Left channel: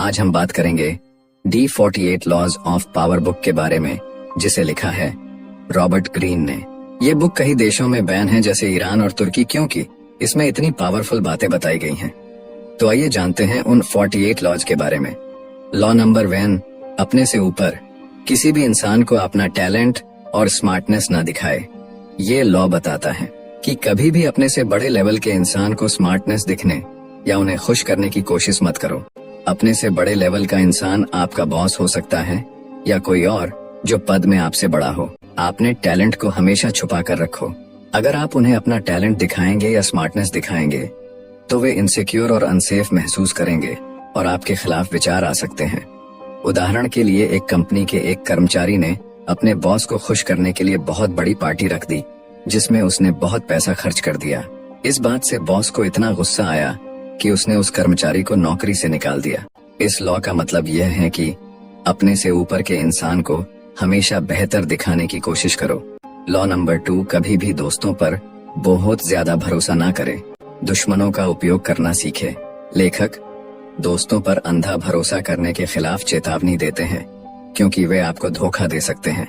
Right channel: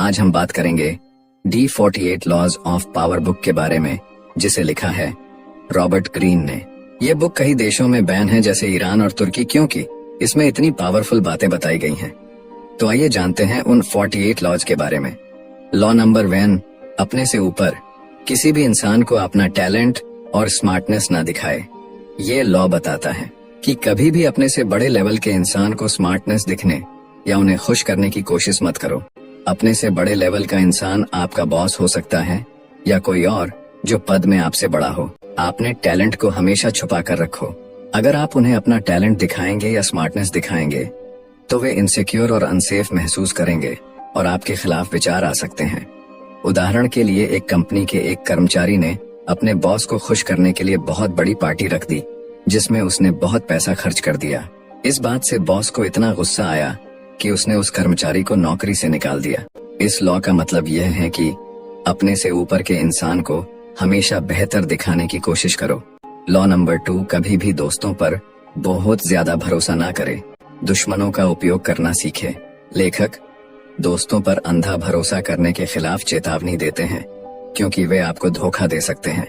आज हम बात करेंगे D48 laws of power book के बारे में, जिसे लिखा है रॉबर्ट ग्रीन ने। ये बुक कई देशों में बैन है, जैसे ईरान और तुर्की, क्योंकि इसमें इतनी पावरफुल बातें बताई गई हैं। तो आइए जानते हैं उन 48 लॉज के बारे में। लॉ नंबर 1, अपने से ऊपर किसी भी इंसान को अपना टैलेंट और स्मार्टनेस ना दिखाए। ये लॉ बताता है कि कभी भी अपने से बड़े लेवल के इंसान को स्मार्टनेस दिखने या उन्हें खुश करने की कोशिश मत करो। अपने से बड़े लेवल का इंसान आपका बॉस हो सकता है या कोई और जो पद में आपसे बड़ा हो। आपने टैलेंट को हमेशा छुपा कर रखो। अगर आप उन्हें अपना टैलेंट दिखाएंगे या स्मार्टनेस दिखाएंगे तो वे इनसिक्योर और अनसेफ महसूस करेंगे और आपके खिलाफ विचार आ सकते हैं। उदाहरण के लिए, एक कंपनी के एक कर्मचारी ने अपने बॉस को खुश करने के लिए बहुत बड़ी पार्टी रख दी, जिसमें उसने बहुत पैसा खर्च कर दिया। इस बात से बॉस को इतना गुस्सा आया कि उसने उस कर्मचारी को नौकरी से निकाल दिया। इस लॉ का मतलब यह है कि अपने से ऊपर के इंसान को हमेशा बेहतर दिखाने की कोशिश करो। लॉ नंबर 2, कभी भी दोस्तों पर बहुत ज्यादा भरोसा ना करे, दुश्मनों का उपयोग करना सीखे। लेखक दोस्तों पर अंधा भरोसा करने के खिलाफ चेतावनी देते हैं, क्योंकि वे आपको धोखा दे सकते हैं।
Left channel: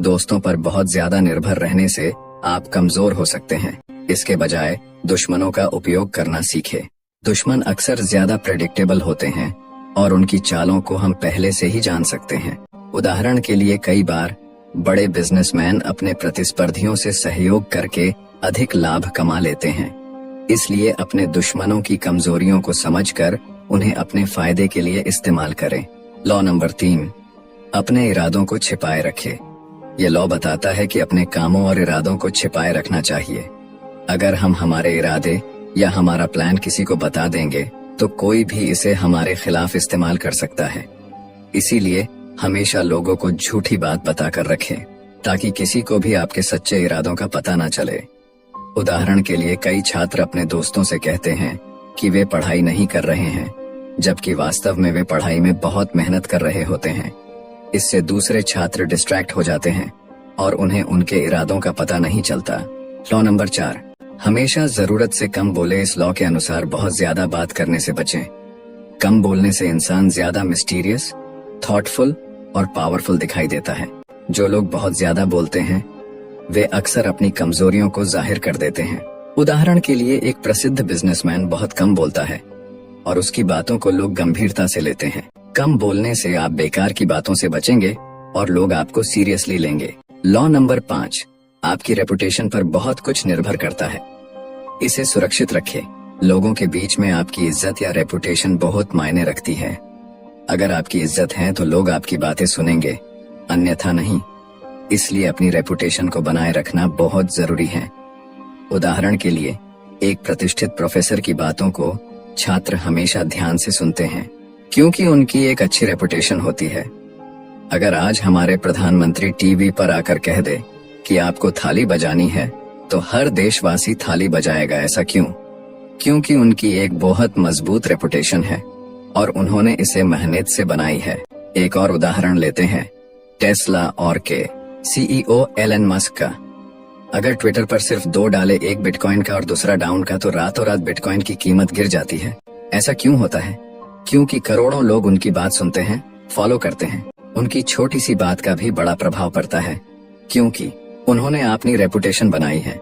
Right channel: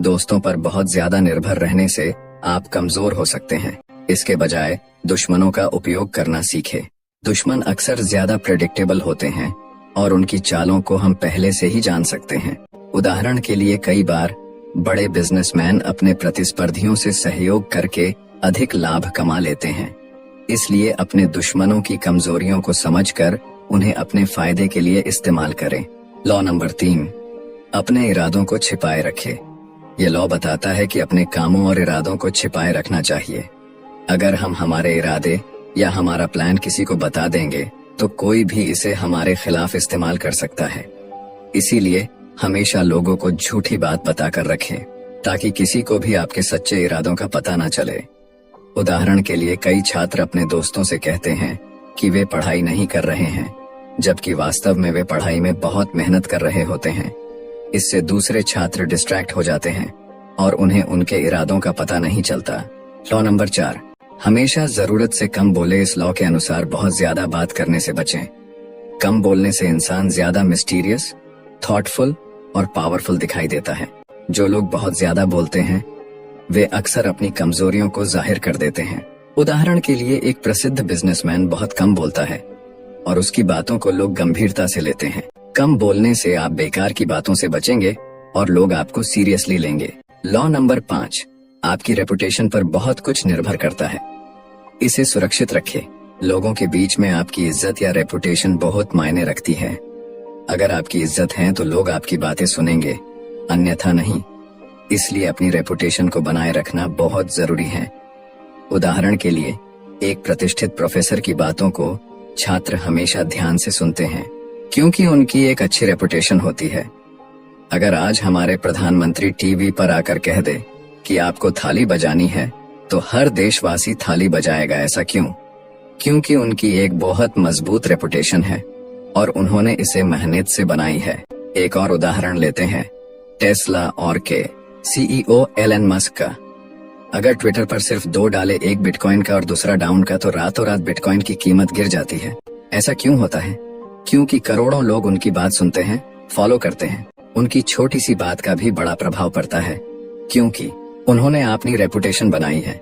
दोस्तों पर बहुत ज्यादा निर्भर रहने से आप कमजोर हो सकते हैं। इसके बजाय दुश्मनों का उपयोग करना सीखे। दुश्मन अक्सर ज्यादा प्रेडिक्टेबल होते हैं और उनकी चालों को हम पहले से ही जान सकते हैं। उदाहरण के लिए, कई बार बड़े बिजनेसमैन अपने प्रतिस्पर्धियों से सहयोग करके अधिक लाभ कमा लेते हैं। इसलिए अपने दुश्मनों की कमजोरियों को समझकर उन्हें अपने फायदे के लिए इस्तेमाल करें। लॉ नंबर 3, अपने इरादों को छिपाए रखें। ये लॉ बताता है कि अपने कामों और इरादों को छिपाए रखना चाहिए। अगर हम हमारे इरादे या हमारा प्लान किसी को बता देंगे तो कोई भी इसे हमारे खिलाफ इस्तेमाल कर सकता है। इसीलिए हमेशा लोगों को झूठी बात बताकर रखें, ताकि किसी को भी आपके सच्चे इरादों का पता ना चले। उदाहरण के लिए, कई छात्र अपने दोस्तों से कहते हैं कि वे पढ़ाई नहीं कर रहे हैं, जबकि वास्तव में वे पढ़ाई में बहुत मेहनत कर रहे होते हैं। इससे दूसरे छात्र डिस्ट्रैक्ट हो जाते हैं और उन्हें उनके इरादों का पता नहीं चलता। लॉ नंबर 4, हमेशा जरूरत से कम बोले। इस लॉ के अनुसार बहुत ज्यादा बात करने से बचें। कम बोलने से इंसान ज्यादा मिस्टीरियस, थॉटफुल और पावरफुल दिखाई देता है। जो लोग बहुत ज्यादा बोलते हैं वे अक्सर अपनी कमजोरियों को जाहिर कर देते हैं। उदाहरण के लिए, एक प्रसिद्ध बिजनेसमैन बहुत कम बोलता है और उसकी बातों को लोग गंभीरता से लेते हैं। कम बोलने से आप बेकार की बातों से बचेंगे और लोग आपको सीरियसली लेंगे। लॉ नंबर 5, आपकी रेपुटेशन पर बहुत कुछ निर्भर करता है। इसे सुरक्षित रखें। लोगों के बीच में आपकी इज्जत या रेपुटेशन बहुत मायने रखती है। अगर आपकी इज्जत है तो लोग आपकी बातें सुनेंगे, अन्यथा नहीं। इसलिए अपनी रेपुटेशन को बनाए रखना बहुत जरूरी है। उदाहरण के लिए, एक प्रतिष्ठित प्रोफेसर की बातों को छात्र हमेशा ध्यान से सुनते हैं, क्योंकि उनकी एक अच्छी रेपुटेशन होती है। अगर आज हमारे प्रधानमंत्री टीवी पर आकर कह दे कि आपको थाली बजानी है, तो हर देशवासी थाली बजाएगा। ऐसा क्यों? क्योंकि उनकी एक बहुत मजबूत रेपुटेशन है और उन्होंने इसे मेहनत से बनाई है। एक और उदाहरण लेते हैं, टेस्ला और के CEO एलन मस्क का। अगर ट्विटर पर सिर्फ 2 डाले, एक बिटकॉइन का और दूसरा डाउन का, तो रातों रात बिटकॉइन की कीमत गिर जाती है। ऐसा क्यों होता है? क्योंकि करोड़ों लोग उनकी बात सुनते हैं, फॉलो करते हैं। उनकी छोटी सी बात का भी बड़ा प्रभाव पड़ता है, क्योंकि उन्होंने अपनी रेपुटेशन बनाई है।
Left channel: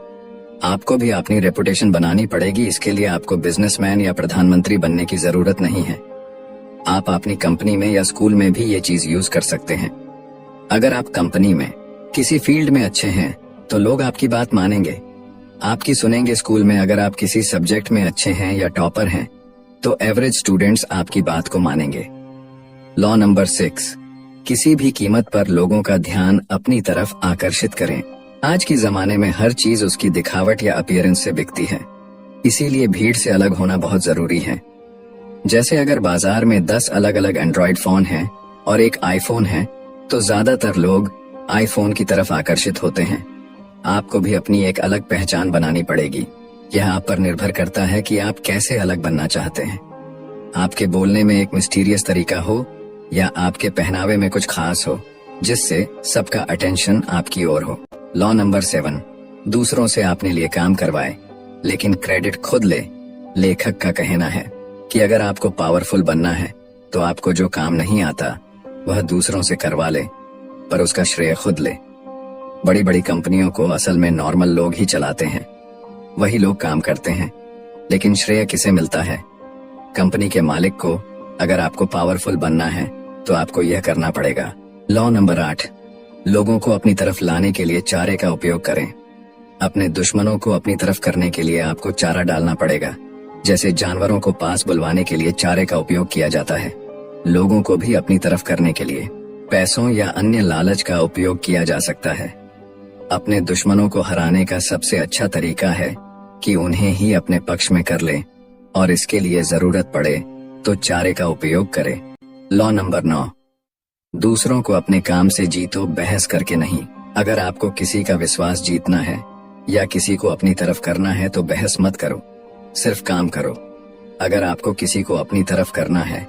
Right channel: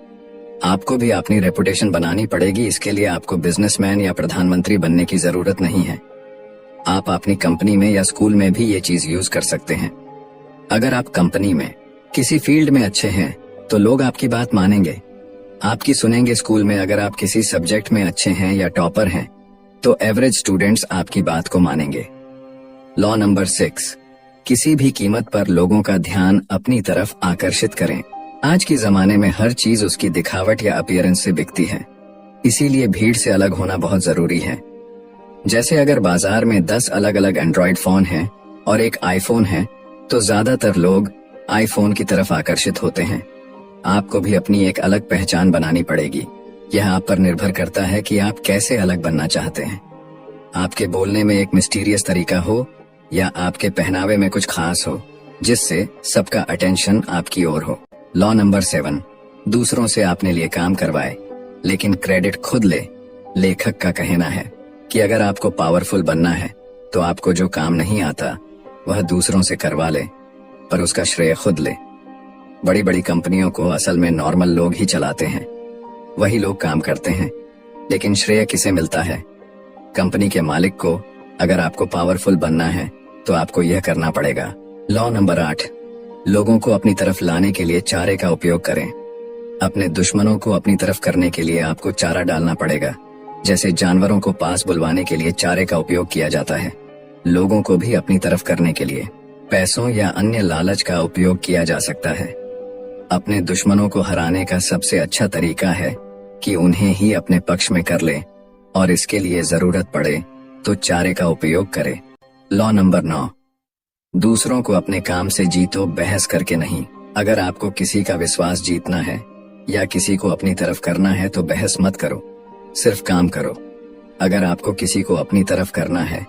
आपको भी अपनी रेपुटेशन बनानी पड़ेगी। इसके लिए आपको बिजनेसमैन या प्रधानमंत्री बनने की जरूरत नहीं है। आप अपनी कंपनी में या स्कूल में भी ये चीज यूज कर सकते हैं। अगर आप कंपनी में किसी फील्ड में अच्छे हैं तो लोग आपकी बात मानेंगे, आपकी सुनेंगे। स्कूल में अगर आप किसी सब्जेक्ट में अच्छे हैं या टॉपर हैं तो एवरेज स्टूडेंट्स आपकी बात को मानेंगे। लॉ नंबर 6, किसी भी कीमत पर लोगों का ध्यान अपनी तरफ आकर्षित करें। आज के जमाने में हर चीज उसकी दिखावट या अपीयरेंस से बिकती है, इसीलिए भीड़ से अलग होना बहुत जरूरी है। जैसे अगर बाजार में 10 अलग अलग एंड्रॉइड फोन हैं और एक आईफोन है, तो ज्यादातर लोग आईफोन की तरफ आकर्षित होते हैं। आपको भी अपनी एक अलग पहचान बनानी पड़ेगी। यह आप पर निर्भर करता है कि आप कैसे अलग बनना चाहते हैं। आपके बोलने में एक मिस्टीरियस तरीका हो या आपके पहनावे में कुछ खास हो, जिससे सबका अटेंशन आपकी ओर हो। लॉ नंबर 7, दूसरों से अपने लिए काम करवाए लेकिन क्रेडिट खुद ले। लेखक का कहना है कि अगर आपको पावरफुल बनना है तो आपको जो काम नहीं आता वह दूसरों से करवा ले, पर उसका श्रेय खुद ले। बड़ी बड़ी कंपनियों को असल में नॉर्मल लोग ही चलाते हैं, वही लोग काम करते हैं, लेकिन श्रेय किसे मिलता है? कंपनी के मालिक को। अगर आपको पावरफुल बनना है तो आपको यह करना पड़ेगा। लॉ नंबर 8, लोगों को अपनी तरफ लाने के लिए चारे का उपयोग करें। अपने दुश्मनों को अपनी तरफ करने के लिए आपको चारा डालना पड़ेगा। जैसे जानवरों को पास बुलवाने के लिए चारे का उपयोग किया जाता है, लोगों को भी अपनी तरफ करने के लिए पैसों या अन्य लालच का उपयोग किया जा सकता है। अपने दुश्मनों को हराने का सबसे अच्छा तरीका है कि उन्हें ही अपने पक्ष में कर ले, और इसके लिए जरूरत पड़े तो चारे का उपयोग करे। लॉ नंबर 9, दूसरों को अपने काम से जीतो, बहस करके नहीं। अगर आपको किसी का विश्वास जीतना है या किसी को अपनी तरफ करना है तो बहस मत करो, सिर्फ काम करो। अगर आपको किसी को अपनी तरफ करना है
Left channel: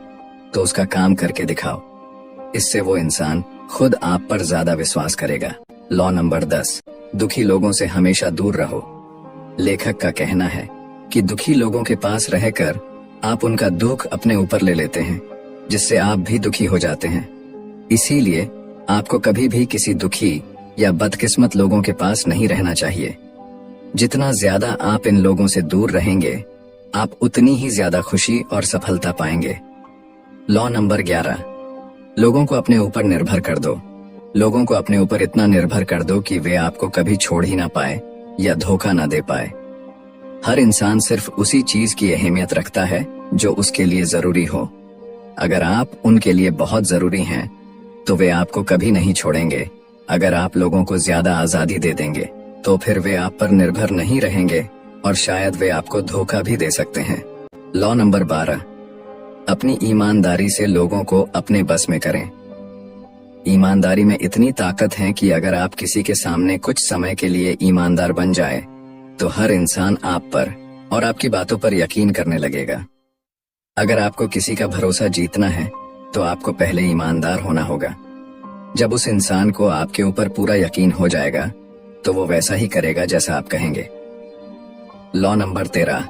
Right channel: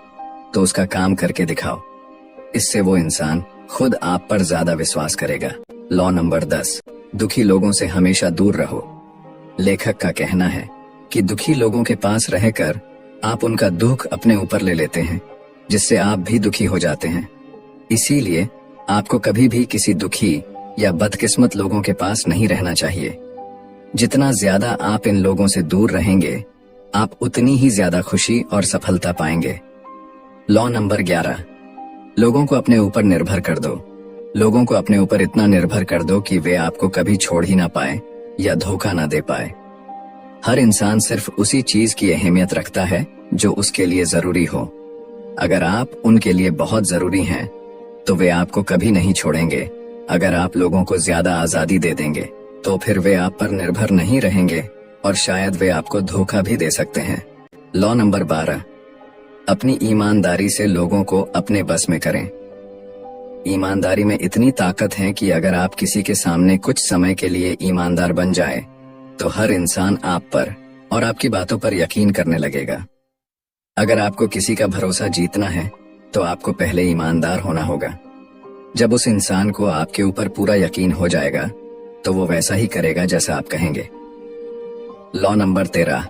तो उसका काम करके दिखाओ, इससे वो इंसान खुद आप पर ज्यादा विश्वास करेगा। लॉ नंबर 10, दुखी लोगों से हमेशा दूर रहो। लेखक का कहना है कि दुखी लोगों के पास रहकर आप उनका दुख अपने ऊपर ले लेते हैं, जिससे आप भी दुखी हो जाते हैं। इसीलिए आपको कभी भी किसी दुखी या बदकिस्मत लोगों के पास नहीं रहना चाहिए। जितना ज्यादा आप इन लोगों से दूर रहेंगे, आप उतनी ही ज्यादा खुशी और सफलता पाएंगे। लॉ नंबर 11, लोगों को अपने ऊपर निर्भर कर दो। लोगों को अपने ऊपर इतना निर्भर कर दो कि वे आपको कभी छोड़ ही ना पाए या धोखा ना दे पाए। हर इंसान सिर्फ उसी चीज की अहमियत रखता है जो उसके लिए जरूरी हो। अगर आप उनके लिए बहुत जरूरी हैं, तो वे आपको कभी नहीं छोड़ेंगे। अगर आप लोगों को ज्यादा आजादी दे देंगे तो फिर वे आप पर निर्भर नहीं रहेंगे और शायद वे आपको धोखा भी दे सकते हैं। लॉ नंबर 12, अपनी ईमानदारी से लोगों को अपने बस में करें। ईमानदारी में इतनी ताकत है कि अगर आप किसी के सामने कुछ समय के लिए ईमानदार बन जाए तो हर इंसान आप पर और आपकी बातों पर यकीन करने लगेगा। अगर आपको किसी का भरोसा जीतना है तो आपको पहले ईमानदार होना होगा। जब उस इंसान को आपके ऊपर पूरा यकीन हो जाएगा तो वो वैसा ही करेगा जैसा आप कहेंगे। लॉ नंबर 13,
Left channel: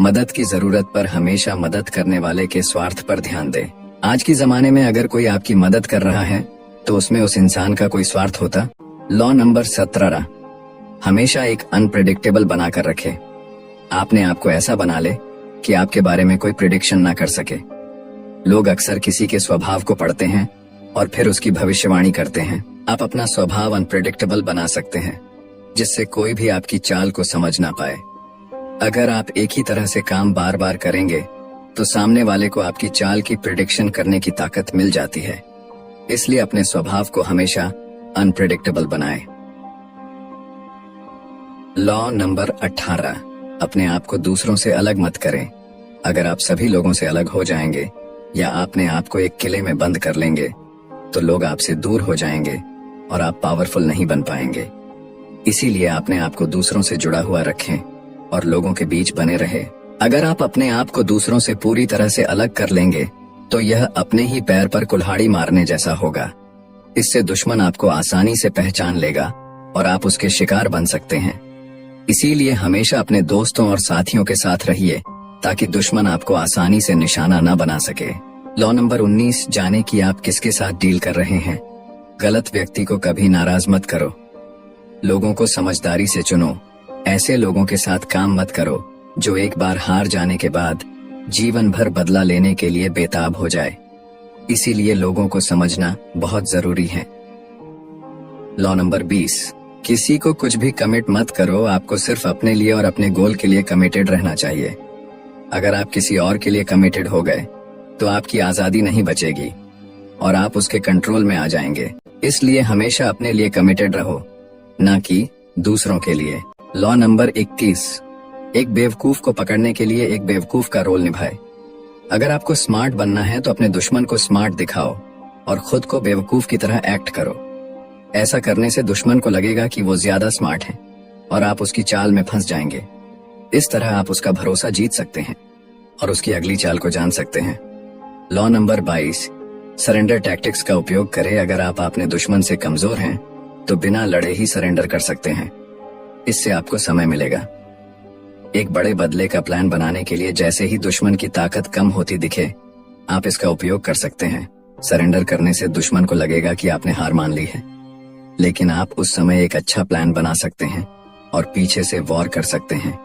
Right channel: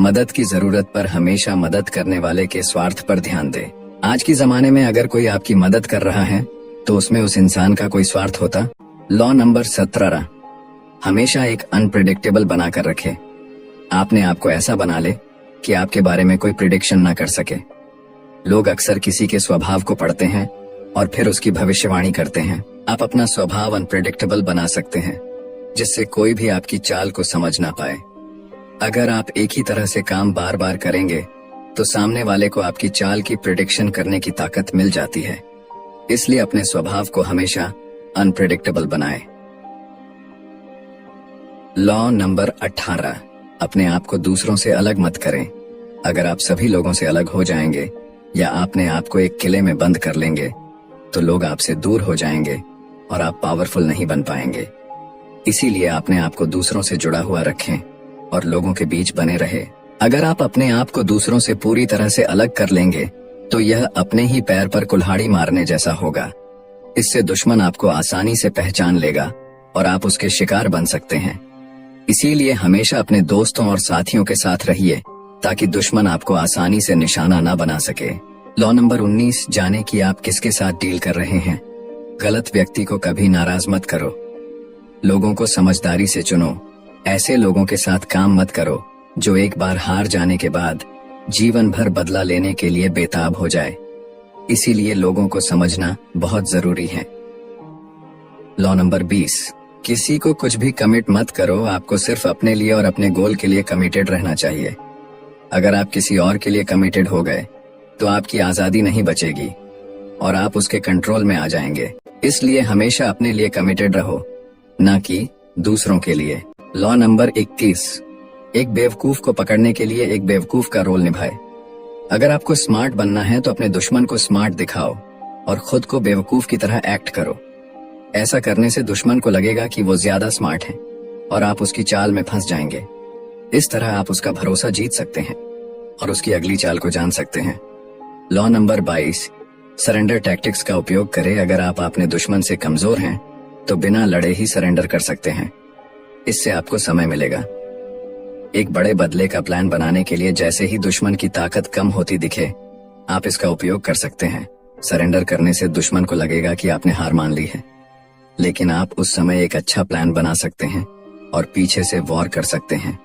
मदद की जरूरत पर हमेशा मदद करने वाले के स्वार्थ पर ध्यान दें। आज के जमाने में अगर कोई आपकी मदद कर रहा है तो उसमें उस इंसान का कोई स्वार्थ होता। लॉ नंबर 17, हमेशा एक अनप्रेडिक्टेबल बनाकर रखें। आपने आपको ऐसा बना ले कि आपके बारे में कोई प्रिडिक्शन ना कर सके। लोग अक्सर किसी के स्वभाव को पढ़ते हैं और फिर उसकी भविष्यवाणी करते हैं। आप अपना स्वभाव अनप्रेडिक्टेबल बना सकते हैं, जिससे कोई भी आपकी चाल को समझ ना पाए। अगर आप एक ही तरह से काम बार बार करेंगे तो सामने वाले को आपकी चाल की प्रिडिक्शन करने की ताकत मिल जाती है। इसलिए अपने स्वभाव को हमेशा अनप्रेडिक्टेबल बनाएं। लॉ नंबर 18, अपने आप को दूसरों से अलग मत करें। अगर आप सभी लोगों से अलग हो जाएंगे या अपने आप को एक किले में बंद कर लेंगे तो लोग आपसे दूर हो जाएंगे और आप पावरफुल नहीं बन पाएंगे। इसीलिए अपने आप को दूसरों से जुड़ा हुआ रखें और लोगों के बीच बने रहे। अगर आप अपने आप को दूसरों से पूरी तरह से अलग कर लेंगे तो यह अपने ही पैर पर कुल्हाड़ी मारने जैसा होगा। इससे दुश्मन आपको आसानी से पहचान लेगा और आप उसके शिकार बन सकते हैं। इसीलिए हमेशा अपने दोस्तों और साथियों के साथ रहिए ताकि दुश्मन आपको आसानी से निशाना ना बना सके। लॉ नंबर 19, जाने कि आप किसके साथ डील कर रहे हैं। गलत व्यक्ति को कभी नाराज मत करो। लोगों को समझदारी से चुनो। ऐसे लोगों के साथ काम मत करो जो एक बार हार जाने के बाद जीवन भर बदला लेने के लिए बेताब हो जाए। इसीलिए लोगों को समझना बहुत जरूरी है। लॉ नंबर 20, किसी को कुछ भी कमिट मत करो। आपको सिर्फ अपने लिए और अपने गोल के लिए कमिटेड रहना चाहिए। अगर आप किसी और के लिए कमिटेड हो गए तो आपकी आजादी नहीं बचेगी और आप उसके कंट्रोल में आ जाएंगे। इसलिए हमेशा अपने लिए कमिटेड रहो, ना कि दूसरों के लिए। लॉ नंबर 21, एक बेवकूफ को पकड़ने के लिए एक बेवकूफ का रोल निभाए। अगर आपको स्मार्ट बनना है तो अपने दुश्मन को स्मार्ट दिखाओ और खुद को बेवकूफ की तरह एक्ट करो। ऐसा करने से दुश्मन को लगेगा कि वो ज्यादा स्मार्ट है और आप उसकी चाल में फंस जाएंगे। इस तरह आप उसका भरोसा जीत सकते हैं और उसकी अगली चाल को जान सकते हैं। लॉ नंबर 22, सरेंडर टैक्टिक्स का उपयोग करें। अगर आप अपने दुश्मन से कमजोर हैं तो बिना लड़े ही सरेंडर कर सकते हैं। इससे आपको समय मिलेगा। एक बड़े बदले का प्लान बनाने के लिए जैसे ही दुश्मन की ताकत कम होती दिखे, आप इसका उपयोग कर सकते हैं। सरेंडर करने से दुश्मन को लगेगा कि आपने हार मान ली है, लेकिन आप उस समय एक अच्छा प्लान बना सकते हैं और पीछे से वॉर कर सकते हैं।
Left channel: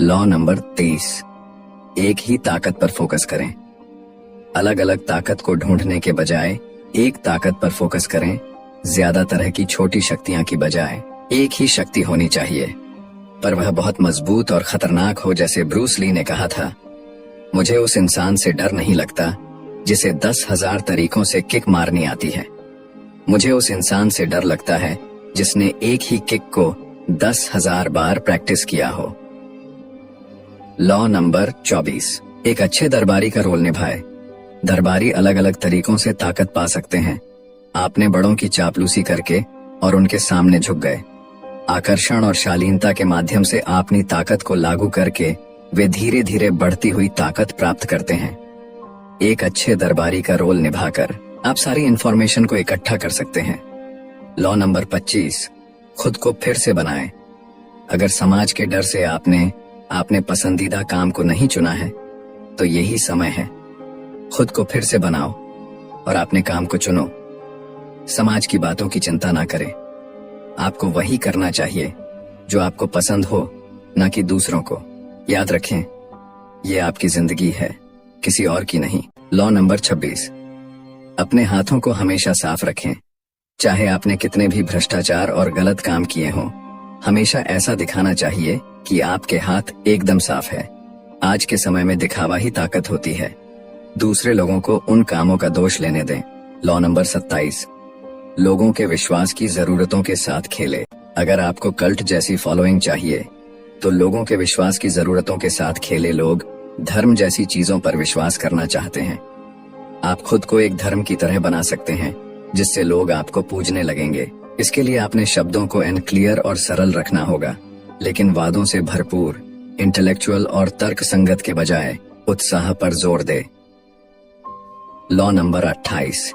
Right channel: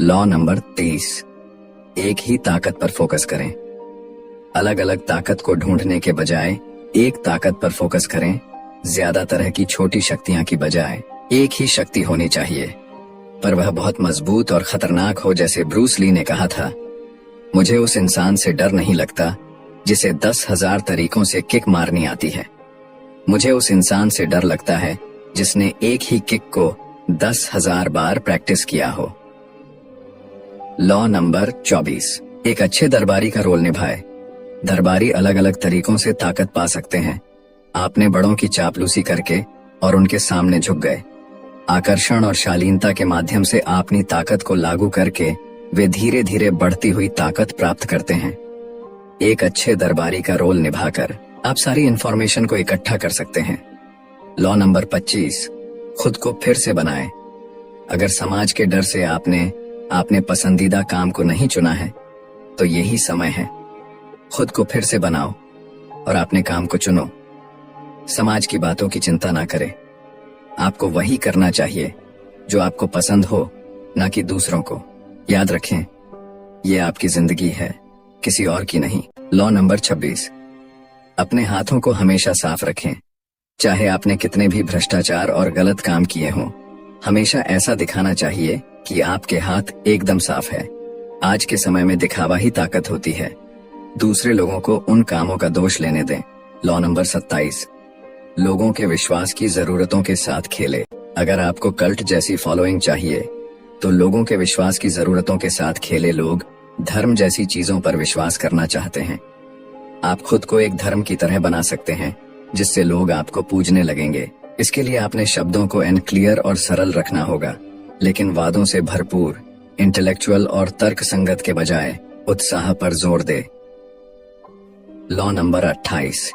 लॉ नंबर 23, एक ही ताकत पर फोकस करें। अलग अलग ताकत को ढूंढने के बजाय एक ताकत पर फोकस करें। ज्यादा तरह की छोटी शक्तियां की बजाय एक ही शक्ति होनी चाहिए, पर वह बहुत मजबूत और खतरनाक हो। जैसे ब्रूस ली ने कहा था, मुझे उस इंसान से डर नहीं लगता जिसे 10,000 तरीकों से किक मारनी आती है। मुझे उस इंसान से डर लगता है जिसने एक ही किक को 10,000 बार प्रैक्टिस किया हो। लॉ नंबर 24, एक अच्छे दरबारी का रोल निभाए। दरबारी अलग अलग तरीकों से ताकत पा सकते हैं। आपने बड़ों की चापलूसी करके और उनके सामने झुक गए। आकर्षण और शालीनता के माध्यम से अपनी ताकत को लागू करके वे धीरे धीरे बढ़ती हुई ताकत प्राप्त करते हैं। एक अच्छे दरबारी का रोल निभाकर आप सारी इंफॉर्मेशन को इकट्ठा कर सकते हैं। लॉ नंबर 25, खुद को फिर से बनाएं। अगर समाज के डर से आपने पसंदीदा काम को नहीं चुना है, तो यही समय है। खुद को फिर से बनाओ और अपने काम को चुनो। समाज की बातों की चिंता ना करें। आपको वही करना चाहिए जो आपको पसंद हो, न कि दूसरों को। याद रखें, ये आपकी जिंदगी है, किसी और की नहीं। लॉ नंबर 26, अपने हाथों को हमेशा साफ रखें। चाहे आपने कितने भी भ्रष्टाचार और गलत काम किए हों, हमेशा ऐसा दिखाना चाहिए कि आपके हाथ एकदम साफ है। आज के समय में दिखावा ही ताकत होती है। दूसरे लोगों को उन कामों का दोष लेने दें। लॉ नंबर 27, लोगों के विश्वास की जरूरतों के साथ खेले। अगर आपको कल्ट जैसी फॉलोइंग चाहिए, तो लोगों के विश्वास की जरूरतों के साथ खेले। लोग धर्म जैसी चीजों पर विश्वास करना चाहते हैं। आप खुद को एक धर्म की तरह बना सकते हैं जिससे लोग आपको पूजने लगेंगे। इसके लिए आपने शब्दों को क्लियर और सरल रखना होगा, लेकिन वादों से भरपूर, इंटेलेक्चुअल और तर्क संगत के बजाय उत्साह पर जोर दे। लॉ नंबर 28,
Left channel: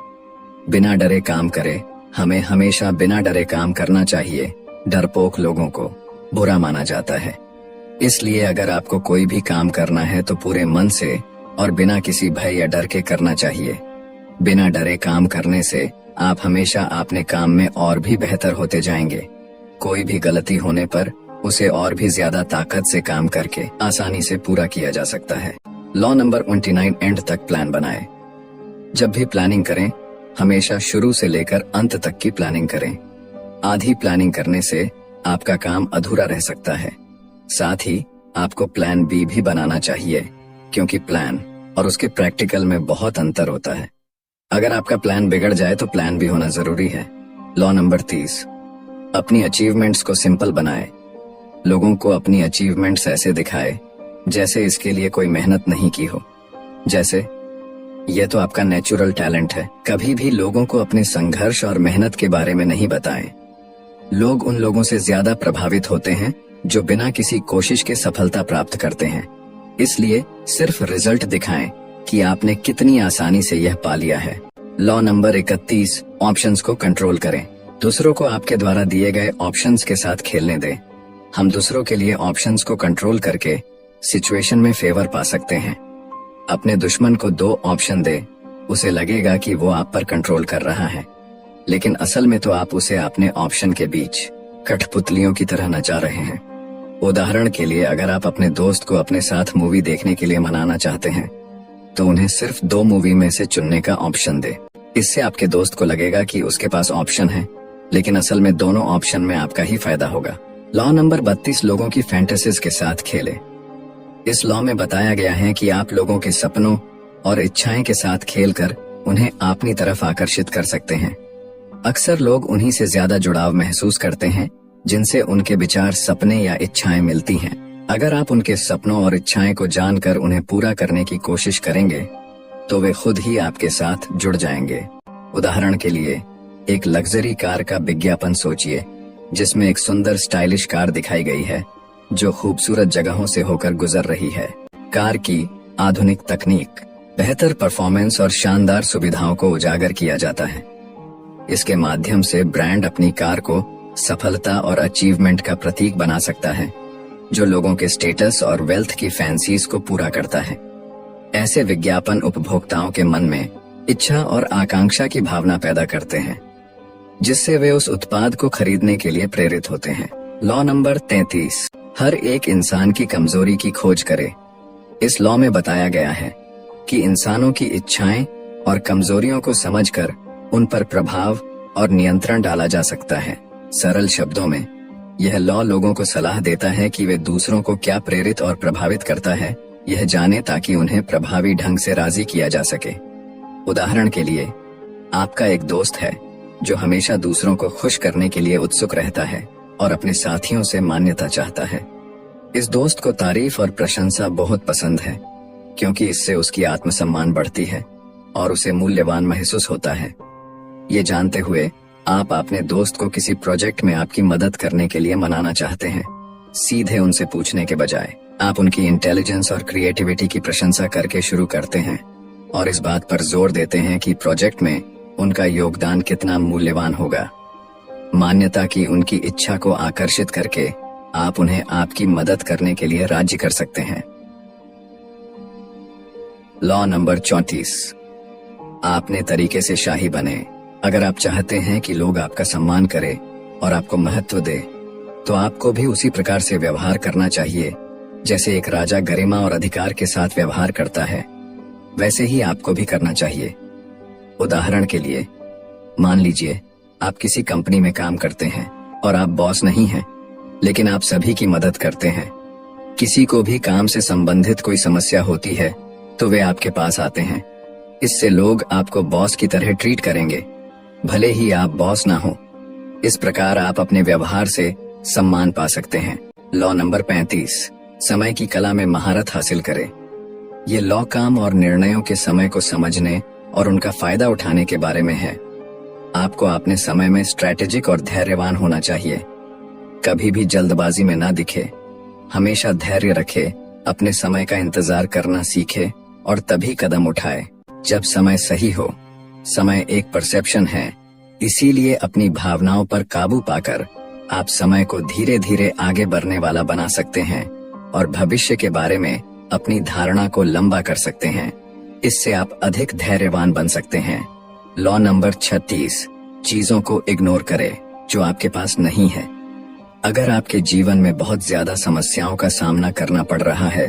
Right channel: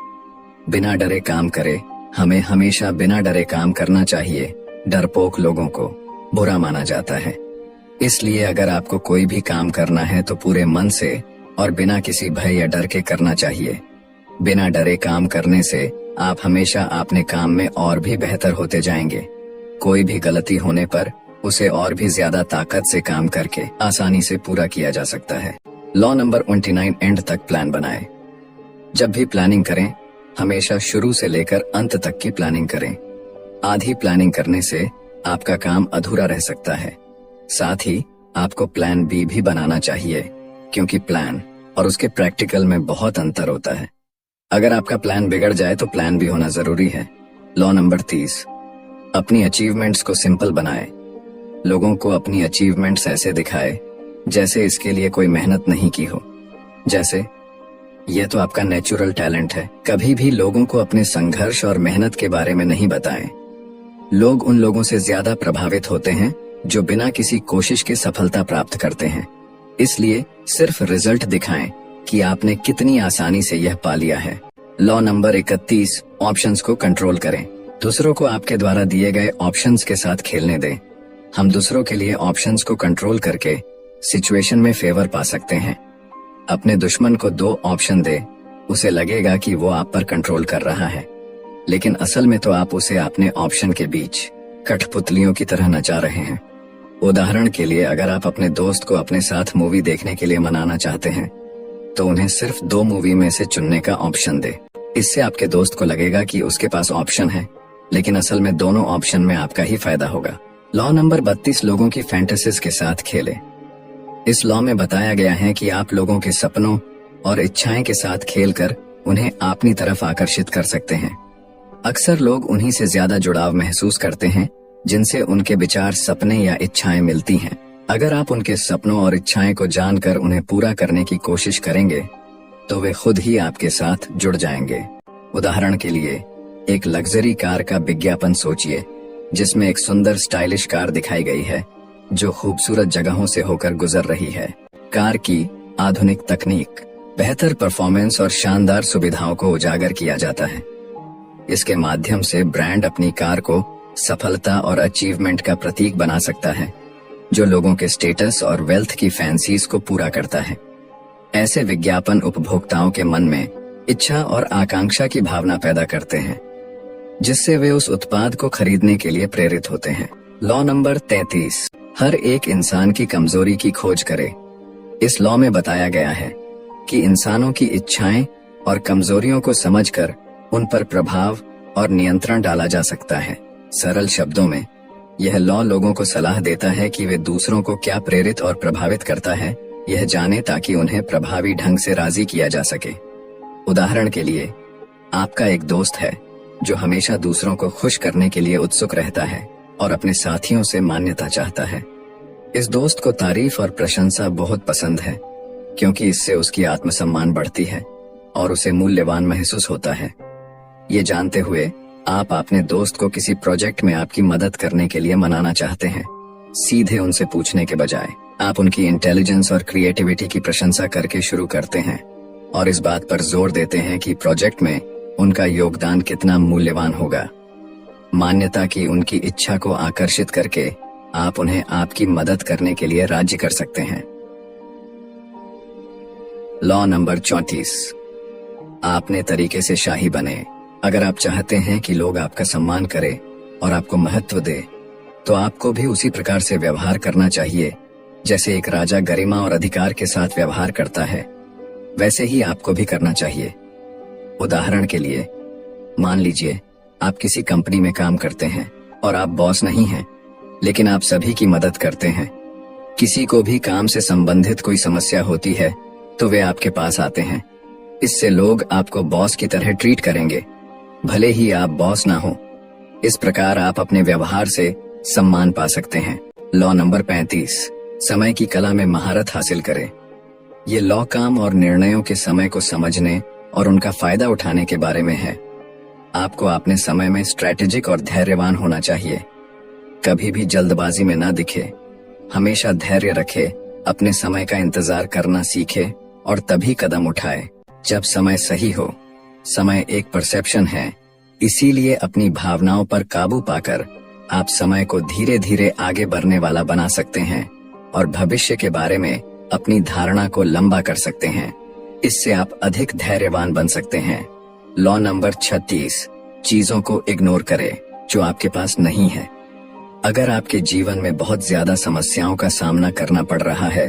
बिना डरे काम करे। हमें हमेशा बिना डरे काम करना चाहिए। डरपोक लोगों को बुरा माना जाता है, इसलिए अगर आपको कोई भी काम करना है तो पूरे मन से और बिना किसी भय या डर के करना चाहिए। बिना डरे काम करने से आप हमेशा अपने काम में और भी बेहतर होते जाएंगे। कोई भी गलती होने पर उसे और भी ज्यादा ताकत से काम करके आसानी से पूरा किया जा सकता है। लॉ नंबर 29, एंड तक प्लान बनाए। जब भी प्लानिंग करें, हमेशा शुरू से लेकर अंत तक की प्लानिंग करें। आधी प्लानिंग करने से आपका काम अधूरा रह सकता है। साथ ही आपको प्लान बी भी बनाना चाहिए, क्योंकि प्लान और उसके प्रैक्टिकल में बहुत अंतर होता है। अगर आपका प्लान बिगड़ जाए तो प्लान भी होना जरूरी है। लॉ नंबर 30, अपनी अचीवमेंट्स को सिंपल बनाए। लोगों को अपनी अचीवमेंट्स ऐसे दिखाए जैसे इसके लिए कोई मेहनत नहीं की हो। जैसे, यह तो आपका नेचुरल टैलेंट है। कभी भी लोगों को अपने संघर्ष और मेहनत के बारे में नहीं बताएं। लोग उन लोगों से ज्यादा प्रभावित होते हैं जो बिना किसी कोशिश के सफलता प्राप्त करते हैं। इसलिए सिर्फ रिजल्ट दिखाएं कि आपने कितनी आसानी से यह पा लिया है। लॉ नंबर 31, ऑप्शंस को कंट्रोल करें। दूसरों को आपके द्वारा दिए गए ऑप्शंस के साथ खेलने दें। हम दूसरों के लिए ऑप्शंस को कंट्रोल करके सिचुएशन में फेवर पा सकते हैं। अपने दुश्मन को 2 ऑप्शन दे, उसे लगेगा कि वो आप पर कंट्रोल कर रहा है, लेकिन असल में तो आप उसे अपने ऑप्शन के बीच कठपुतलियों की तरह नचा रहे हैं। उदाहरण के लिए, अगर आप अपने दोस्त को अपने साथ मूवी देखने के लिए मनाना चाहते हैं, तो उन्हें सिर्फ 2 मूवी में से चुनने का ऑप्शन दे। इससे आपके दोस्त को लगेगा कि उसके पास ऑप्शन है, लेकिन असल में दोनों ऑप्शन में आपका ही फायदा होगा। लॉ नंबर 32, लोगों की फैंटेसीज के साथ खेले। इस लॉ में बताया गया है कि आप लोगों के सपनों और इच्छाएं के साथ खेलकर उन्हें अपनी तरफ आकर्षित कर सकते हैं। अक्सर लोग उन्हीं से ज्यादा जुड़ाव महसूस करते हैं जिनसे उनके विचार, सपने या इच्छाएं मिलती हैं। अगर आप उनके सपनों और इच्छाएं को जानकर उन्हें पूरा करने की कोशिश करेंगे, तो वे खुद ही आपके साथ जुड़ जाएंगे। उदाहरण के लिए, एक लग्जरी कार का विज्ञापन सोचिए, जिसमें एक सुंदर स्टाइलिश कार दिखाई गई है जो खूबसूरत जगहों से होकर गुजर रही है। कार की आधुनिक तकनीक, बेहतर परफॉर्मेंस और शानदार सुविधाओं को उजागर किया जाता है। इसके माध्यम से ब्रांड अपनी कार को सफलता और अचीवमेंट का प्रतीक बना सकता है, जो लोगों के स्टेटस और वेल्थ की फैंसीज को पूरा करता है। ऐसे विज्ञापन उपभोक्ताओं के मन में इच्छा और आकांक्षा की भावना पैदा करते हैं, जिससे वे उस उत्पाद को खरीदने के लिए प्रेरित होते हैं। लॉ नंबर 33, हर एक इंसान की कमजोरी की खोज करे। इस लॉ में बताया गया है कि इंसानों की इच्छाएं और कमजोरियों को समझकर उन पर प्रभाव और नियंत्रण डाला जा सकता है। सरल शब्दों में यह लॉ लोगों को सलाह देता है कि वे दूसरों को क्या प्रेरित और प्रभावित करता है, यह जाने ताकि उन्हें प्रभावी ढंग से राजी किया जा सके। उदाहरण के लिए, आपका एक दोस्त है जो हमेशा दूसरों को खुश करने के लिए उत्सुक रहता है और अपने साथियों से मान्यता चाहता है। इस दोस्त को तारीफ और प्रशंसा बहुत पसंद है, क्योंकि इससे उसकी आत्मसम्मान बढ़ती है और उसे मूल्यवान महसूस होता है। ये जानते हुए आप अपने दोस्त को किसी प्रोजेक्ट में आपकी मदद करने के लिए मनाना चाहते हैं। सीधे उनसे पूछने के बजाय आप उनकी इंटेलिजेंस और क्रिएटिविटी की प्रशंसा करके शुरू करते हैं और इस बात पर जोर देते हैं कि प्रोजेक्ट में उनका योगदान कितना मूल्यवान होगा। मान्यता की उनकी इच्छा को आकर्षित करके आप उन्हें आपकी मदद करने के लिए राजी कर सकते हैं। लॉ नंबर 34, आपने तरीके से शाही बने। अगर आप चाहते हैं कि लोग आपका सम्मान करें और आपको महत्व दे, तो आपको भी उसी प्रकार से व्यवहार करना चाहिए जैसे एक राजा गरिमा और अधिकार के साथ व्यवहार करता है, वैसे ही आपको भी करना चाहिए। उदाहरण के लिए, मान लीजिए आप किसी कंपनी में काम करते हैं और आप बॉस नहीं हैं, लेकिन आप सभी की मदद करते हैं। किसी को भी काम से संबंधित कोई समस्या होती है तो वे आपके पास आते हैं। इससे लोग आपको बॉस की तरह ट्रीट करेंगे, भले ही आप बॉस ना हो। इस प्रकार आप अपने व्यवहार से सम्मान पा सकते हैं। लॉ नंबर 35, समय की कला में महारत हासिल करें। ये लॉ काम और निर्णयों के समय को समझने और उनका फायदा उठाने के बारे में है। आपको अपने समय में स्ट्रैटेजिक और धैर्यवान होना चाहिए। कभी भी जल्दबाजी में ना दिखे, हमेशा धैर्य रखे, अपने समय का इंतजार करना सीखे और तभी कदम उठाए जब समय सही हो। समय एक परसेप्शन है, इसीलिए अपनी भावनाओं पर काबू पाकर आप समय को धीरे धीरे आगे बढ़ने वाला बना सकते हैं और भविष्य के बारे में अपनी धारणा को लंबा कर सकते हैं। इससे आप अधिक धैर्यवान बन सकते हैं। लॉ नंबर 36, चीजों को इग्नोर करें जो आपके पास नहीं है। अगर आपके जीवन में बहुत ज्यादा समस्याओं का सामना करना पड़ रहा है,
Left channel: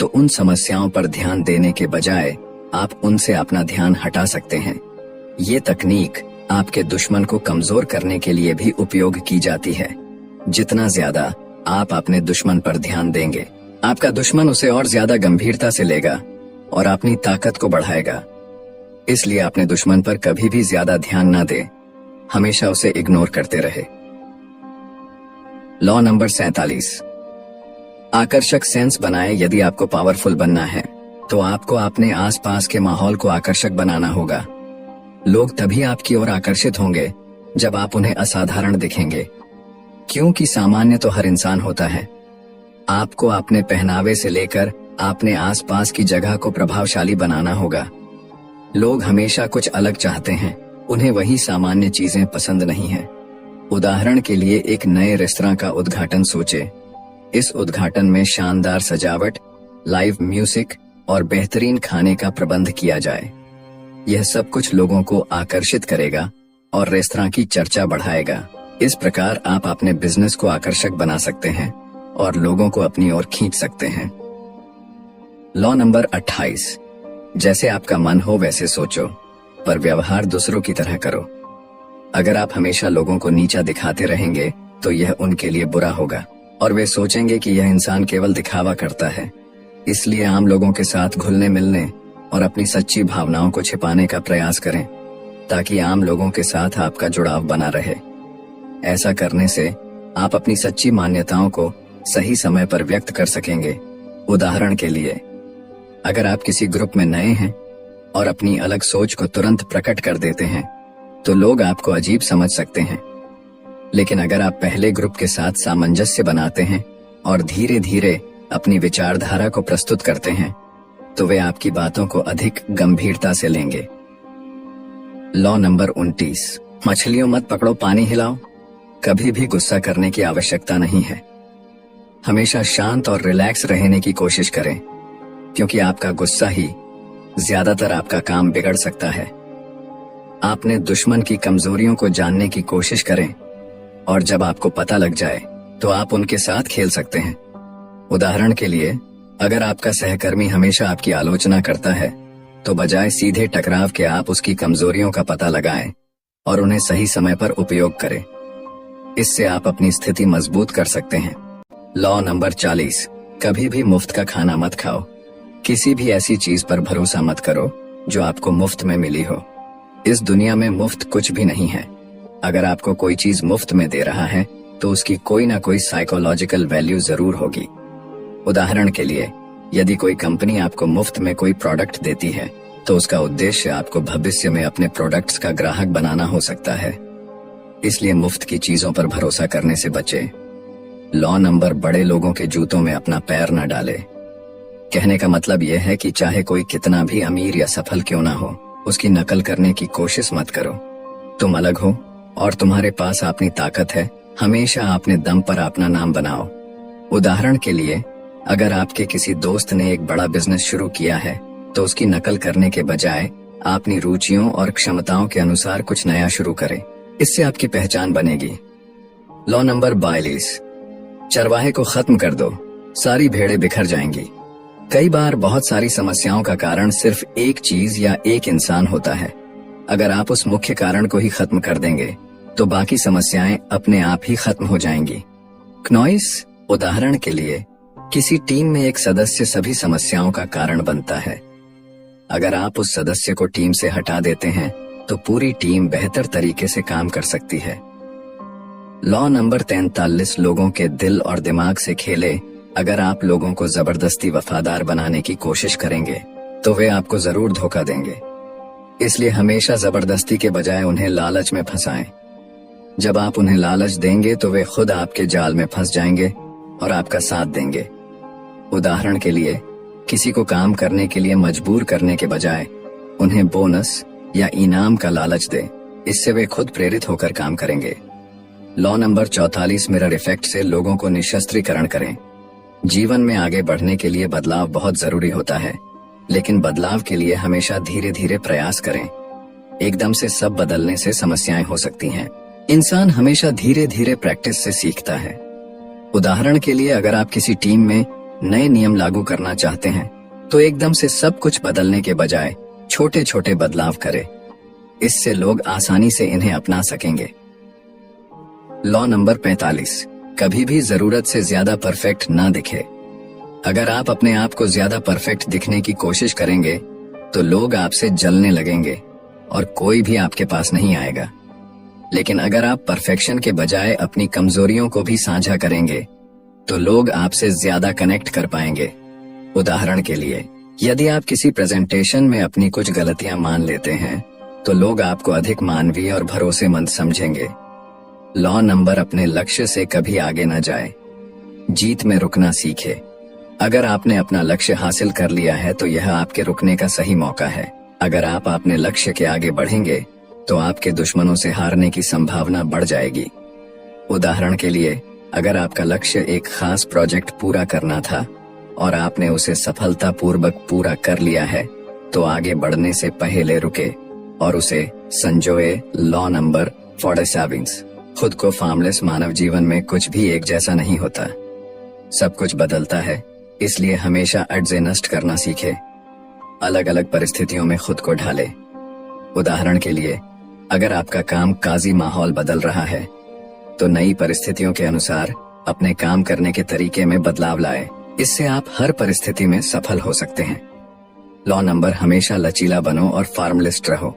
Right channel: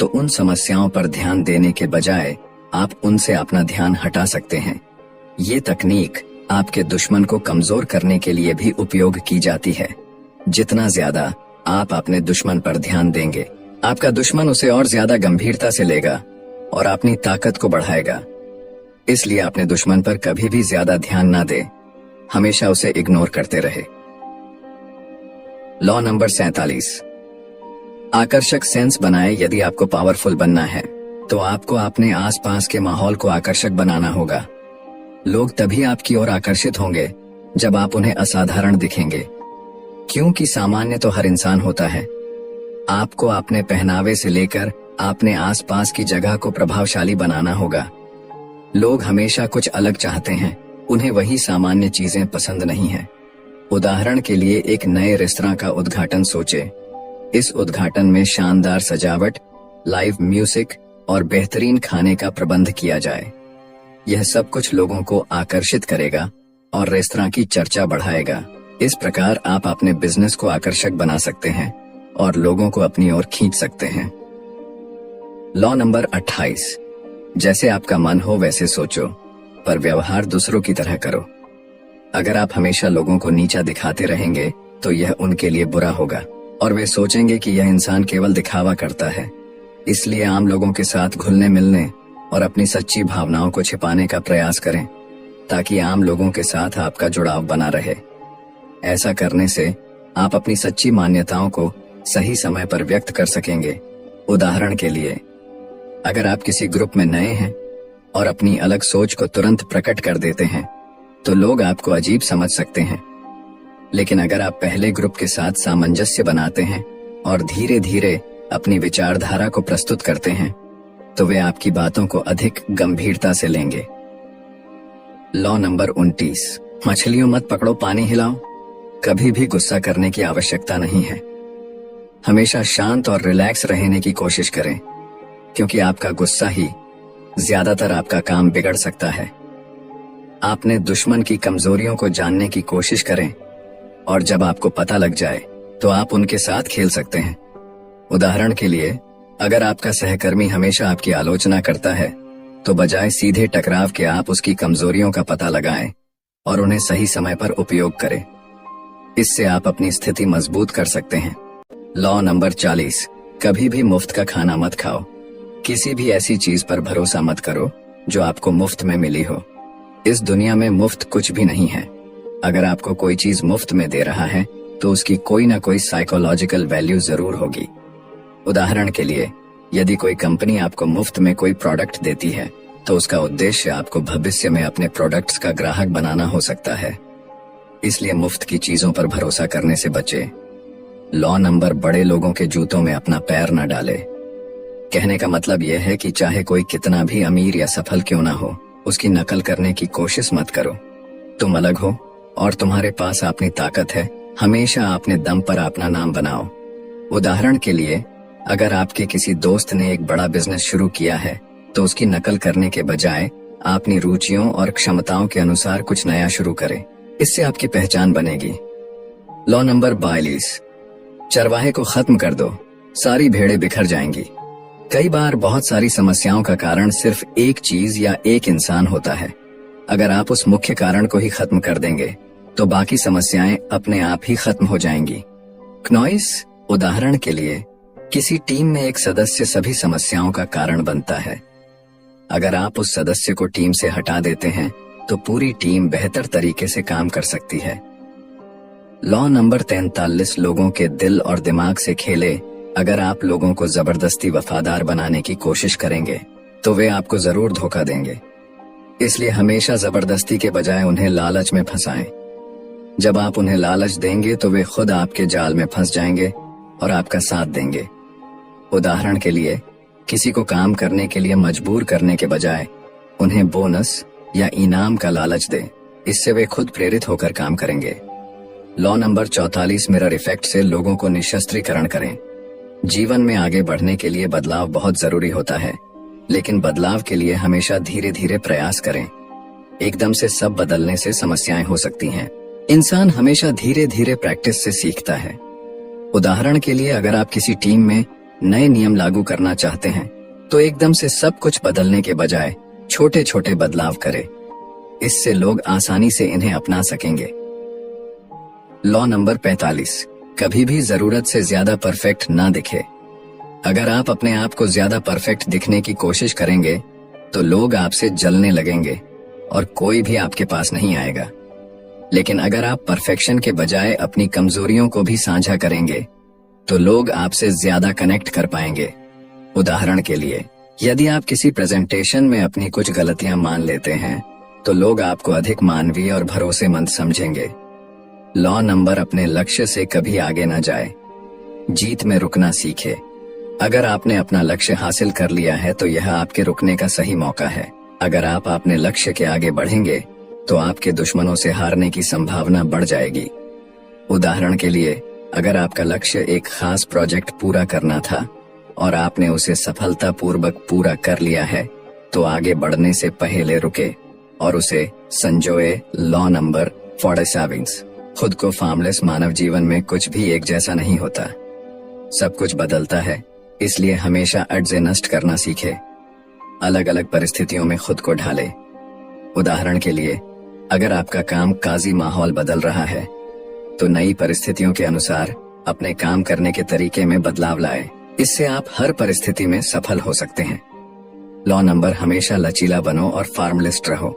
तो उन समस्याओं पर ध्यान देने के बजाय आप उनसे अपना ध्यान हटा सकते हैं। ये तकनीक आपके दुश्मन को कमजोर करने के लिए भी उपयोग की जाती है। जितना ज्यादा आप अपने दुश्मन पर ध्यान देंगे, आपका दुश्मन उसे और ज्यादा गंभीरता से लेगा और अपनी ताकत को बढ़ाएगा। इसलिए अपने दुश्मन पर कभी भी ज्यादा ध्यान ना दे, हमेशा उसे इग्नोर करते रहे। लॉ नंबर 47, आकर्षक सेंस बनाएं। यदि आपको पावरफुल बनना है तो आपको अपने आसपास के माहौल को आकर्षक बनाना होगा। लोग तभी आपकी ओर आकर्षित होंगे जब आप उन्हें असाधारण दिखेंगे, क्योंकि सामान्य तो हर इंसान होता है। आपको अपने पहनावे से लेकर अपने आसपास की जगह को प्रभावशाली बनाना होगा। लोग हमेशा कुछ अलग चाहते हैं, उन्हें वही सामान्य चीजें पसंद नहीं है। उदाहरण के लिए, एक नए रेस्तरां का उद्घाटन सोचे। इस उद्घाटन में शानदार सजावट, लाइव म्यूजिक और बेहतरीन खाने का प्रबंध किया जाए। यह सब कुछ लोगों को आकर्षित करेगा और रेस्तरां की चर्चा बढ़ाएगा। इस प्रकार आप अपने बिजनेस को आकर्षक बना सकते हैं और लोगों को अपनी ओर खींच सकते हैं। लॉ नंबर 28, जैसे आपका मन हो वैसे सोचो, पर व्यवहार दूसरों की तरह करो। अगर आप हमेशा लोगों को नीचा दिखाते रहेंगे तो यह उनके लिए बुरा होगा और वे सोचेंगे कि यह इंसान केवल दिखावा करता है। इसलिए आम लोगों के साथ घुलने मिलने और अपनी सच्ची भावनाओं को छिपाने का प्रयास करें, ताकि आम लोगों के साथ आपका जुड़ाव बना रहे। ऐसा करने से आप अपनी सच्ची मान्यताओं को सही समय पर व्यक्त कर सकेंगे। उदाहरण के लिए, अगर आप किसी ग्रुप में नए हैं और अपनी अलग सोच को तुरंत प्रकट कर देते हैं, तो लोग आपको अजीब समझ सकते हैं। लेकिन अगर आप पहले ग्रुप के साथ सामंजस्य बनाते हैं और धीरे धीरे अपनी विचारधारा को प्रस्तुत करते हैं, तो वे आपकी बातों को अधिक गंभीरता से लेंगे। लॉ नंबर 29, मछलियों मत पकड़ो, पानी हिलाओ। कभी भी गुस्सा करने की आवश्यकता नहीं है। हमेशा शांत और रिलैक्स रहने की कोशिश करें, क्योंकि आपका गुस्सा ही ज्यादातर आपका काम बिगड़ सकता है। आपने दुश्मन की कमजोरियों को जानने की कोशिश करें और जब आपको पता लग जाए तो आप उनके साथ खेल सकते हैं। उदाहरण के लिए, अगर आपका सहकर्मी हमेशा आपकी आलोचना करता है तो बजाय सीधे टकराव के आप उसकी कमजोरियों का पता लगाएं और उन्हें सही समय पर उपयोग करें। इससे आप अपनी स्थिति मजबूत कर सकते हैं। लॉ नंबर 40, कभी भी मुफ्त का खाना मत खाओ। किसी भी ऐसी चीज पर भरोसा मत करो जो आपको मुफ्त में मिली हो। इस दुनिया में मुफ्त कुछ भी नहीं है। अगर आपको कोई चीज मुफ्त में दे रहा है तो उसकी कोई ना कोई साइकोलॉजिकल वैल्यू जरूर होगी। उदाहरण के लिए, यदि कोई कंपनी आपको मुफ्त में कोई प्रोडक्ट देती है तो उसका उद्देश्य आपको भविष्य में अपने प्रोडक्ट्स का ग्राहक बनाना हो सकता है। इसलिए मुफ्त की चीजों पर भरोसा करने से बचे। लॉ नंबर, बड़े लोगों के जूतों में अपना पैर न डाले। कहने का मतलब यह है कि चाहे कोई कितना भी अमीर या सफल क्यों ना हो, उसकी नकल करने की कोशिश मत करो। तुम अलग हो और तुम्हारे पास अपनी ताकत है। हमेशा अपने दम पर अपना नाम बनाओ। उदाहरण के लिए, अगर आपके किसी दोस्त ने एक बड़ा बिजनेस शुरू किया है तो उसकी नकल करने के बजाय अपनी रुचियों और क्षमताओं के अनुसार कुछ नया शुरू करें। इससे आपकी पहचान बनेगी। लॉ नंबर 42, चरवाहे को खत्म कर दो, सारी भेड़ें बिखर जाएंगी। कई बार बहुत सारी समस्याओं का कारण सिर्फ एक चीज या एक इंसान होता है। अगर आप उस मुख्य कारण को ही खत्म कर देंगे तो बाकी समस्याएं अपने आप ही खत्म हो जाएंगी। क्नॉइस, उदाहरण के लिए, किसी टीम में एक सदस्य सभी समस्याओं का कारण बनता है। अगर आप उस सदस्य को टीम से हटा देते हैं तो पूरी टीम बेहतर तरीके से काम कर सकती है। लॉ नंबर 43, लोगों के दिल और दिमाग से खेले। अगर आप लोगों को जबरदस्ती वफादार बनाने की कोशिश करेंगे तो वे आपको जरूर धोखा देंगे। इसलिए हमेशा जबरदस्ती के बजाय उन्हें लालच में फंसाएं। जब आप उन्हें लालच देंगे तो वे खुद आपके जाल में फंस जाएंगे और आपका साथ देंगे। उदाहरण के लिए, किसी को काम करने के लिए मजबूर करने के बजाय उन्हें बोनस या इनाम का लालच दें। इससे वे खुद प्रेरित होकर काम करेंगे। लॉ नंबर 44, मिरर इफेक्ट से लोगों को निशस्त्रीकरण करें। जीवन में आगे बढ़ने के लिए बदलाव बहुत जरूरी होता है, लेकिन बदलाव के लिए हमेशा धीरे धीरे प्रयास करें। एकदम से सब बदलने से समस्याएं हो सकती हैं। इंसान हमेशा धीरे धीरे प्रैक्टिस से सीखता है। उदाहरण के लिए, अगर आप किसी टीम में नए नियम लागू करना चाहते हैं तो एकदम से सब कुछ बदलने के बजाय छोटे छोटे बदलाव करें। इससे लोग आसानी से इन्हें अपना सकेंगे। लॉ नंबर 45, कभी भी जरूरत से ज्यादा परफेक्ट ना दिखे। अगर आप अपने आप को ज्यादा परफेक्ट दिखने की कोशिश करेंगे तो लोग आपसे जलने लगेंगे और कोई भी आपके पास नहीं आएगा। लेकिन अगर आप परफेक्शन के बजाय अपनी कमजोरियों को भी साझा करेंगे तो लोग आपसे ज्यादा कनेक्ट कर पाएंगे। उदाहरण के लिए, यदि आप किसी प्रेजेंटेशन में अपनी कुछ गलतियां मान लेते हैं तो लोग आपको अधिक मानवीय और भरोसेमंद समझेंगे। लॉ नंबर, अपने लक्ष्य से कभी आगे ना जाए। जीत में रुकना सीखे। अगर आपने अपना लक्ष्य हासिल कर लिया है तो यह आपके रुकने का सही मौका है। अगर आप अपने लक्ष्य के आगे बढ़ेंगे तो आपके दुश्मनों से हारने की संभावना बढ़ जाएगी। उदाहरण के लिए, अगर आपका लक्ष्य एक खास प्रोजेक्ट पूरा करना था और आपने उसे सफलतापूर्वक पूरा कर लिया है तो आगे बढ़ने से पहले रुके और उसे संजोए। लॉ नंबर 47, खुद को फार्मलेस। मानव जीवन में कुछ भी एक जैसा नहीं होता, सब कुछ बदलता है। इसलिए हमेशा अड्जे नष्ट करना सीखे। अलग अलग परिस्थितियों में खुद को ढाले। उदाहरण के लिए, अगर आपका काम काजी माहौल बदल रहा है तो नई परिस्थितियों के अनुसार अपने काम करने के तरीके में बदलाव लाएं। इससे आप हर परिस्थिति में सफल हो सकते हैं। लॉ नंबर, हमेशा लचीला बनो और फार्मलिस्ट रहो।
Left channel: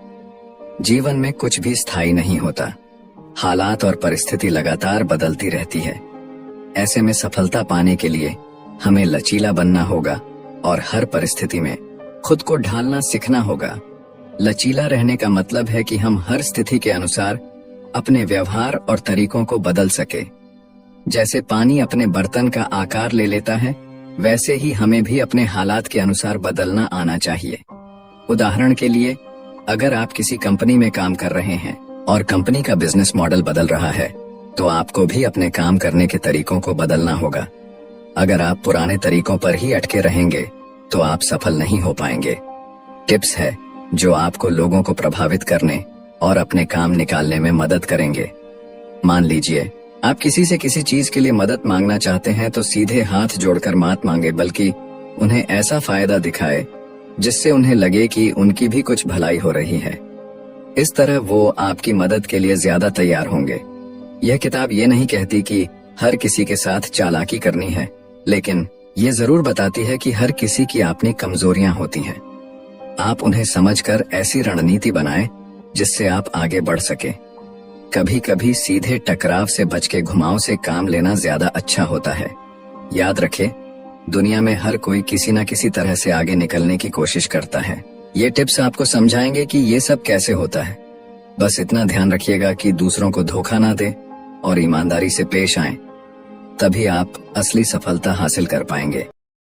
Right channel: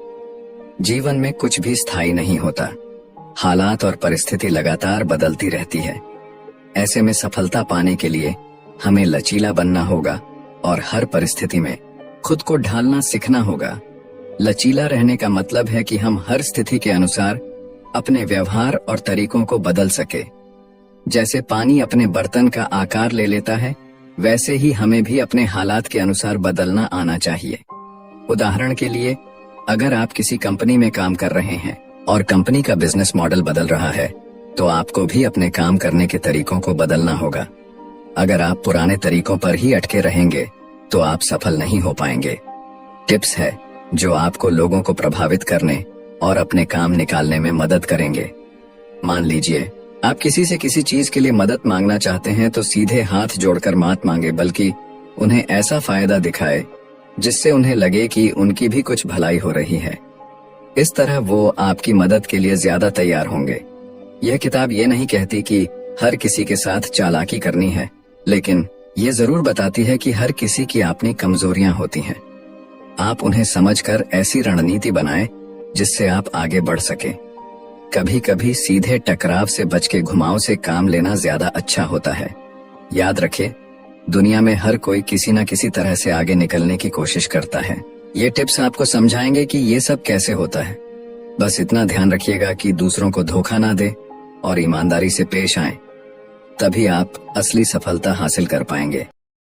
जीवन में कुछ भी स्थायी नहीं होता। हालात और परिस्थिति लगातार बदलती रहती है। ऐसे में सफलता पाने के लिए हमें लचीला बनना होगा और हर परिस्थिति में खुद को ढालना सीखना होगा। लचीला रहने का मतलब है कि हम हर स्थिति के अनुसार अपने व्यवहार और तरीकों को बदल सके। जैसे पानी अपने बर्तन का आकार ले लेता है, वैसे ही हमें भी अपने हालात के अनुसार बदलना आना चाहिए। उदाहरण के लिए, अगर आप किसी कंपनी में काम कर रहे हैं और कंपनी का बिजनेस मॉडल बदल रहा है तो आपको भी अपने काम करने के तरीकों को बदलना होगा। अगर आप पुराने तरीकों पर ही अटके रहेंगे तो आप सफल नहीं हो पाएंगे। टिप्स है जो आपको लोगों को प्रभावित करने और अपने काम निकालने में मदद करेंगे। मान लीजिए आप किसी से किसी चीज के लिए मदद मांगना चाहते हैं तो सीधे हाथ जोड़कर मत मांगे, बल्कि उन्हें ऐसा फायदा दिखाए जिससे उन्हें लगे कि उनकी भी कुछ भलाई हो रही है। इस तरह वो आपकी मदद के लिए ज्यादा तैयार होंगे। यह किताब ये नहीं कहती कि हर किसी के साथ चालाकी करनी है, लेकिन ये जरूर बताती है कि हर किसी की अपनी कमजोरियां होती हैं। आप उन्हें समझकर ऐसी रणनीति बनाएं जिससे आप आगे बढ़ सके। कभी कभी सीधे टकराव से बच के घुमाव से काम लेना ज्यादा अच्छा होता है। याद रखें, दुनिया में हर कोई किसी न किसी तरह से आगे निकलने की कोशिश करता है। ये टिप्स आपको समझाएंगे कि ये सब कैसे होता है। बस इतना ध्यान रखिएगा कि दूसरों को धोखा ना दे और ईमानदारी से पेश आएं, तभी आप असली सफलता हासिल कर पाएंगे।